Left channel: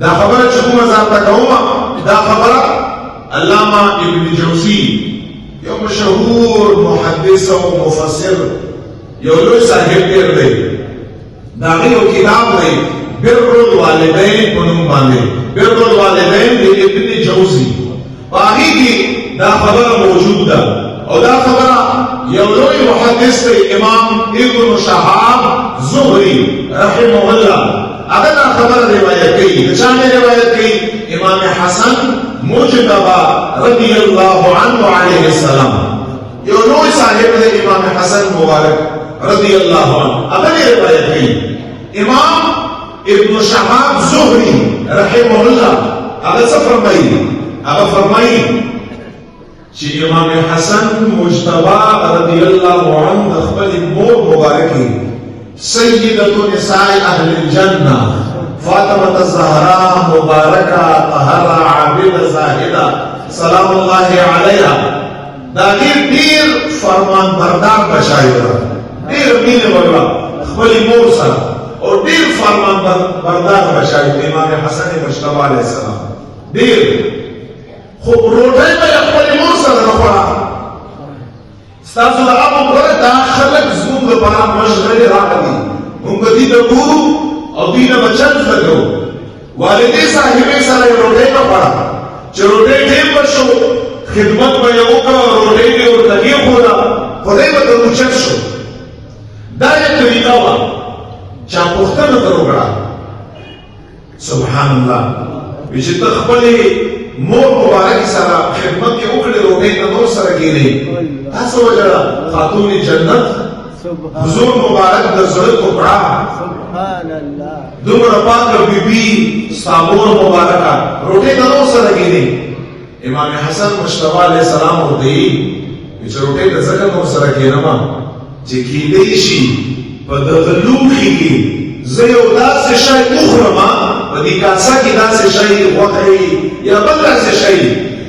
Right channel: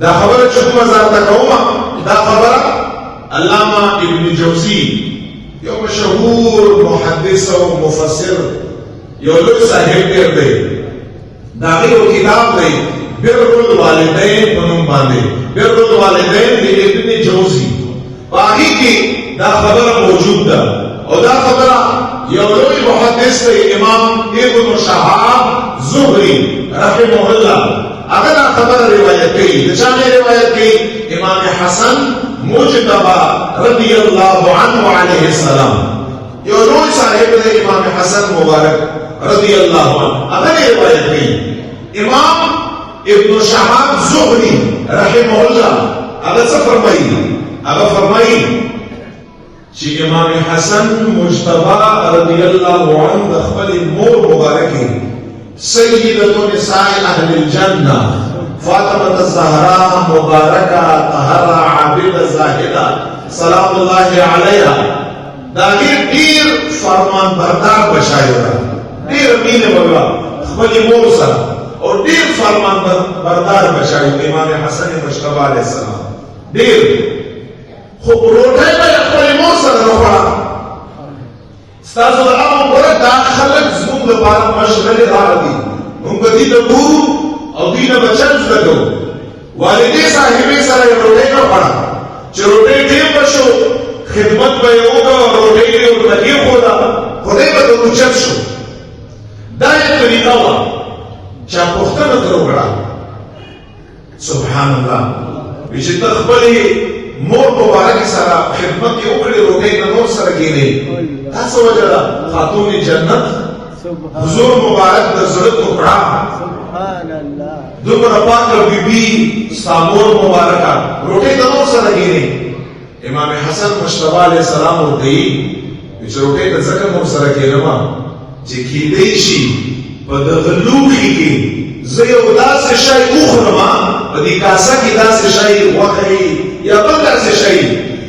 دا خبره چې موږ ځان ته کومه دا خبره علامه ابن جوزی یو مشهور محدث او مفسر یو لوی صاحب دی دا یو کتاب دی بر الوالدین په نوم باندې بر الوالدین د ابن جوزی باقي کې دا خبره موجود ده او دا خبره یو لوی محدث دی امام ابن شهاب زهری رحمه الله هغه دا خبر روایت کوي چا نه روایت کوي امام حسن مجتبی رضی الله عنه علیه السلام یو لوی صاحب دی امام حسن مبارک رضی الله عنه هغه روایت کوي امام ابن شهاب زهری رحمه الله هغه څه فرمایي هغه فرمایي چې امام حسن مجتبی رضی الله عنه خپل مور مبارکي سيدة نساء أهل الجنة فاطمة الزهراء مباركة طهرة عابدة زاهدة سلام الله عليها دا دیر فرمان بردار بشایوه دیر مین والله خپل مور سره او دیر فرمان بردار بشایوه امام حسن مجتبی علیه السلام دیر خو روټۍ به خپل مور سره راوړه ستاسو د هغه پورې دا خلک زموږ لپاره مشغلې راغلي موږ دې ته ګورو او دې نه بچن لګو والدې صاحبې سره روټۍ نه پړه چې روټۍ ډېر وشو خدمت به یې وکړه روټۍ دې ورته وخوړه خدای به ته اوچت شو دا یې طریقه وه چا پوښتنه ته وکړه سبحان الله چې ته خپلې مور مبارک سره خدمت یې وکړې روټۍ ته نور سره کېنې تاسو وجه خاتون جنت حضور مبارک د زړه ټوکړه سبحان الله دومره پاک بیبي ستا مور مبارکه روټۍ ته نور سره کېنې امام حسن مجتبی علیه السلام ورته وایي چې روټۍ ته ځکه نور سره کېنم چې کېدی شي په دغه لوښي کې زه یو داسې شی وخورم په دې کاسه کې داسې شی غوښه یا بل داسې شی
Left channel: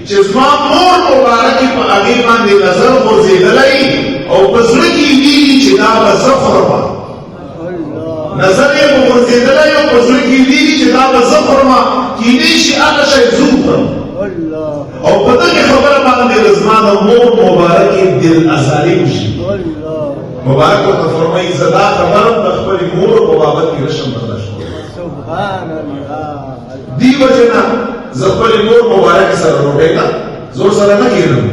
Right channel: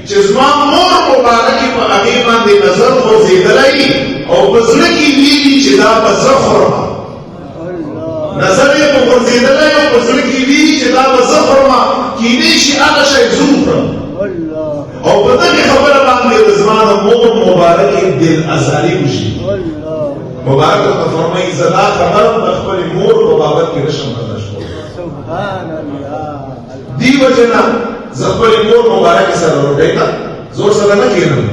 چې زما مور مبارکې په هغې باندې نظر خوځېدلی او په زړه کې ویلي چې دا به زه خورم نظر یې په خوځېدلی او په زړه کې ویلي چې دا به زه خورم کېدی شي هغه شی زه وخورم او په دغې خبره باندې زما د مور مبارکې دل ازاري وشي مبارک ورته فرمایي زه دا خبره د خپلې مور په بابت کې نشم برداشت سبحان الله دې وجه نه زه خپلې مور مبارکې سره روټۍ ته زور سره نه کېږم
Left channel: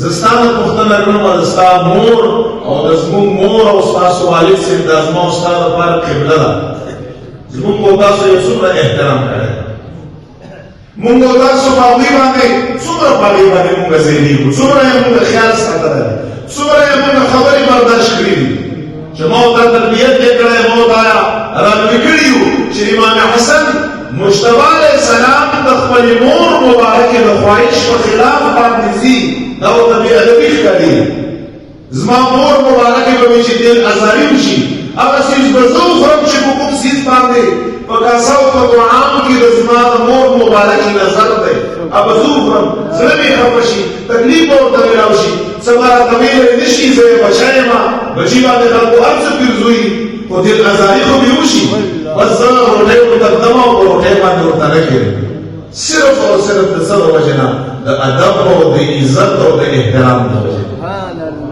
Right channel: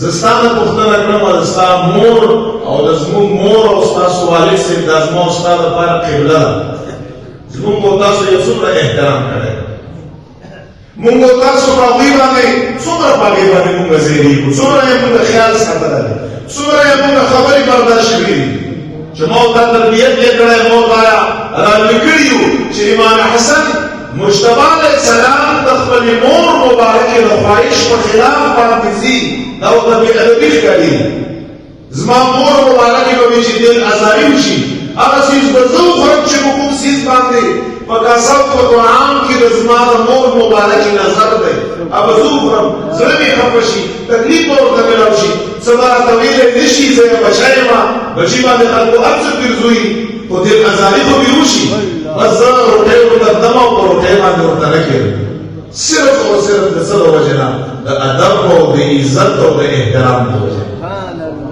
زه ستا نه پوښتنه کوم او د ستا مور او د زموږ مور او ستاسو والد صاحب دا زما او ستا لپاره قبله ده زموږ او تاسو یو څومره احترام کړی مونږ او تاسو په هغوی باندې څومره په هغې باندې مونږ ځایېږو څومره یې مونږ خیال ساتلی څومره یې مونږ خبرې برداشت کړي دي چې ما ورته تربیت یې کړی ما ورته راغلي کړي یو چې امام حسن مجتبی علیه السلام د خپلې مور مبارکې د خواهش په خلاف باندې ځي دا ورته بې ادبي ښکاري زما مور مبارکې به مې چې ډېر ازاري وشي هغه څیز به زه وخورم چې په کوم څیز باندې په کاسه او په قرآن کې د زما د مور مبارکې نظر دی هغه زه وخورم زړه مې خفه شي تکلیف به ورته میلاو شي څه به راته ویلی نه شي زه یې بچی یم بچي باندې خلکو هر څه ګرځوي خو ډېر ازاري خو مې وشي بس زه روټۍ ورته ږدم او په روټۍ باندې ورته نه کېږم صرف او صرف د څه د وجې نه د ادب او د عزت او د احترام د وجې سبحان الله